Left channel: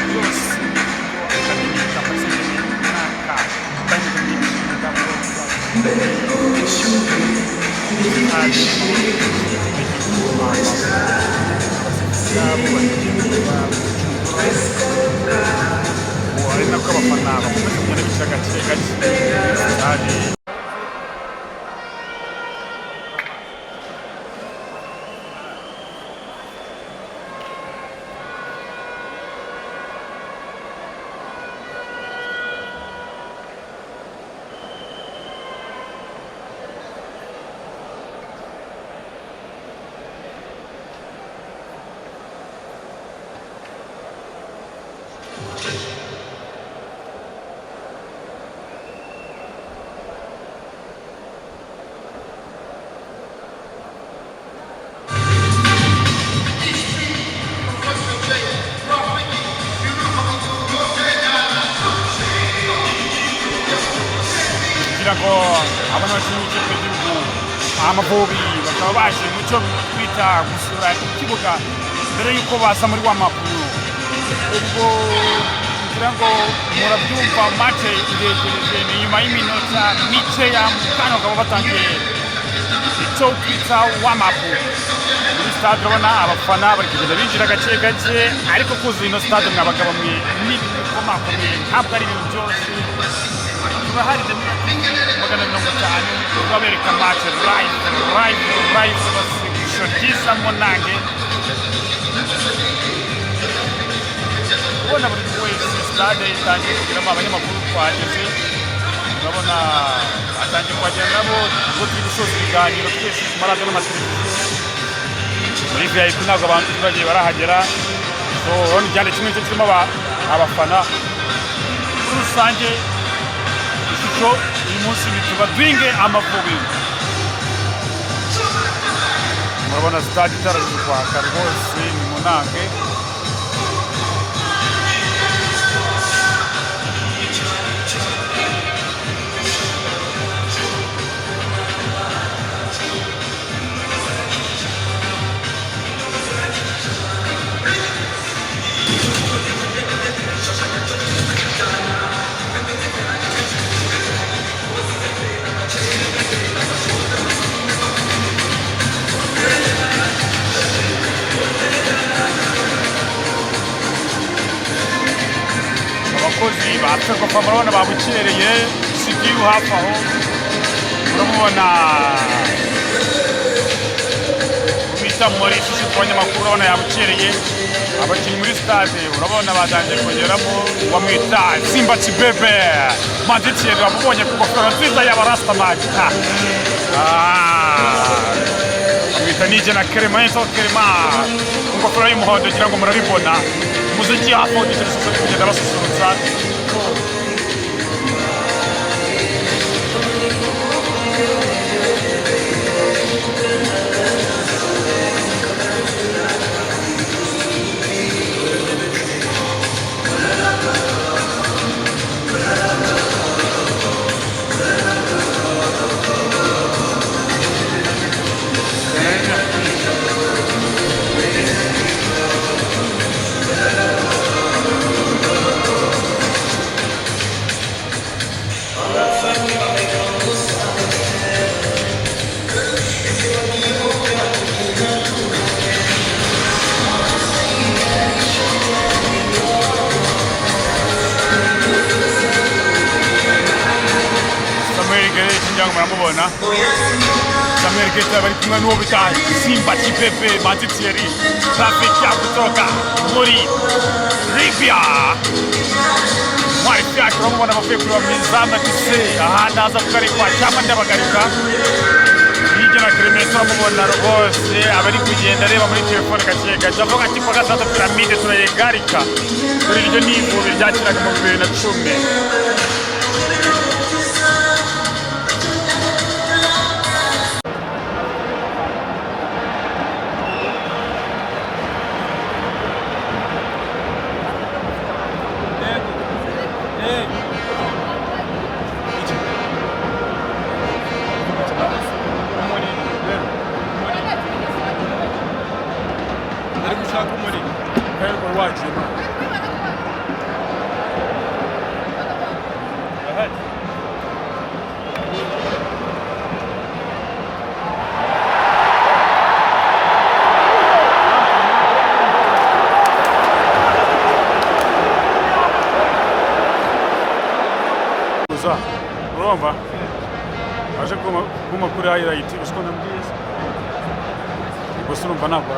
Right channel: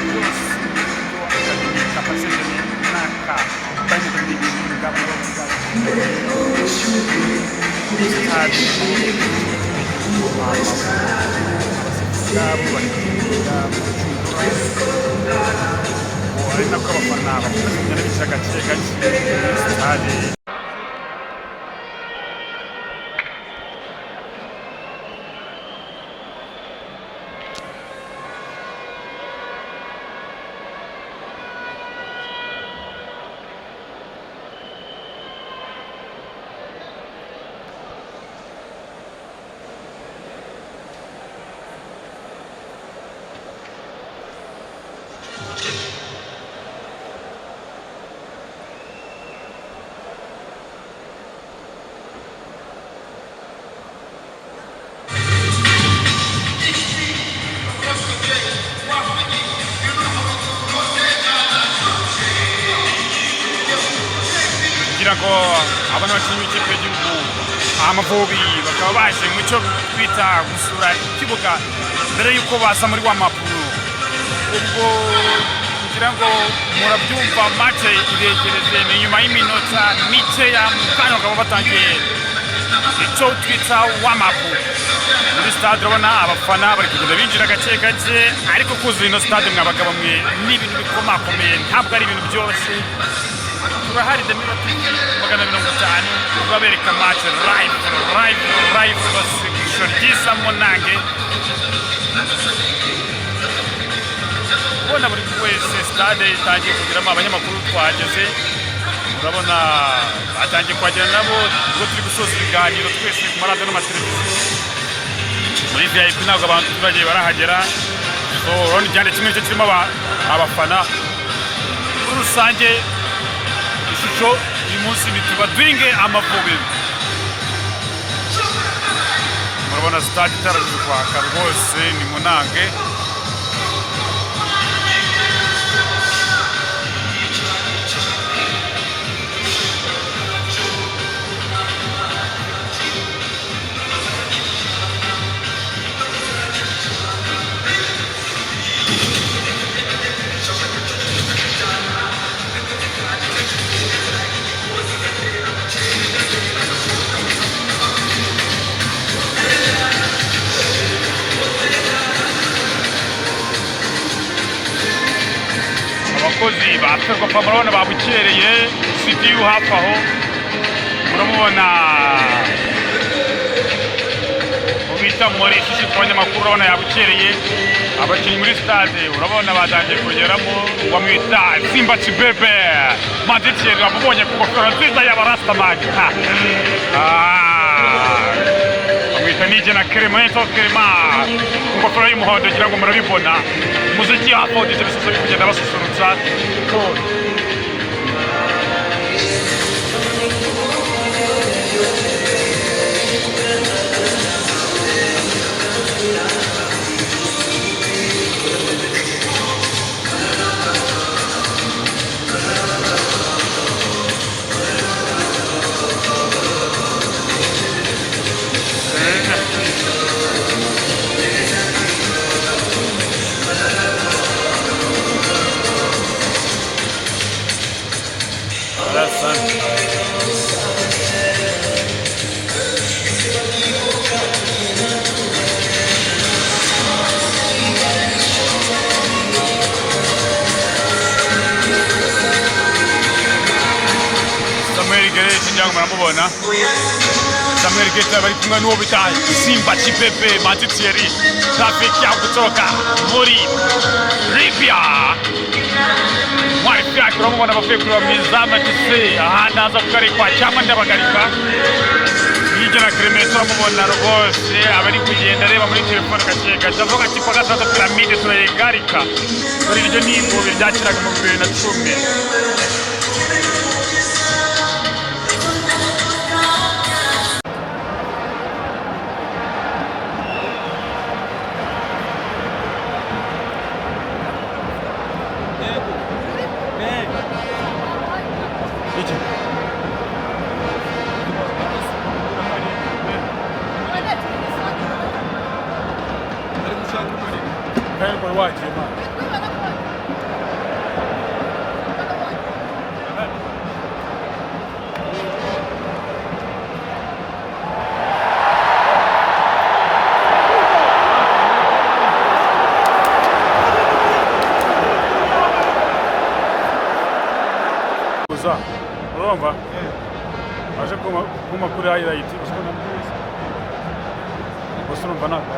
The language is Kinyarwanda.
byose ibyo academic capacity n'aka pandemic ngabo hari abasigabu barikinira gucungura ari nako abafana bakomeza kugenda bicara gake gake hari kugira ngo abantu bakinyi b'ikipe y'igihugu Amavubi bakaba baje mu cyo twita gusura ikibuga mbere yuko baza muri wa mapuro ubwo kugira ngo murabyumva match iregereje ni nyuma y'iminota mike ya mukanya bakaba batangiye icyo twita wa mapuro muri stade. urabona abafana bari kugenda binjira gake gake ariko kuzuye ino stade mwabagabo mwe n'ibintu bikomakomeye ntabwo ari ibintu byoroshye. turahari magana 50 babereka match live basikisho ryiza monange ubona buri wese stade itangiye kugiramo abanyamakuru twageze urabona batangiye kwagera nabo ubwo turi gusoza ibiganiro twese ku maradiyo n'amateleviziyo muri VIP ntabwo abantu turagiye barahagera so urabona igihande kimwe cyo kirimo abafana muri rusange ishusho uyu munsi bituba duhinge Amavubi. murabona stade itaraje kwaka rwose ni munange abakozi baferwa kwa murabona babukereye CDU hafi aho muramubona ubita muri shishi abanyamakuru urabona yabukereye abakinnyi muri stade urabona batangiye kugeramo bamwita Simba Chibebe Maditier bamubonye ku gofero nziza y'abarastamani bamwita nije na Clement ku gofero y'umuhondo kugira ngo murabibona umuziki hafi aho ndetse bisoza kugenda basusurutsa Jangan meramubona. Samuel Geta bari kumwe n'uwo bita Simba Chibebe Maditier traffic ya kutoka muri Libya. Mwari pia kuramubona bavuye kuri Mizama Kise ahanda aza kugarikwa cyangwa ndabagarika. Nije na Clement amubona rwose abari kugenda reba muri telefone gake avuga ati kwa gatatu piramide turayigarika. Kuri iryo nivo byakiraga mu 2010. Watch him, man. urumva aje kuma kuri highlight ushobora nabwiza gusa urumva ntabwo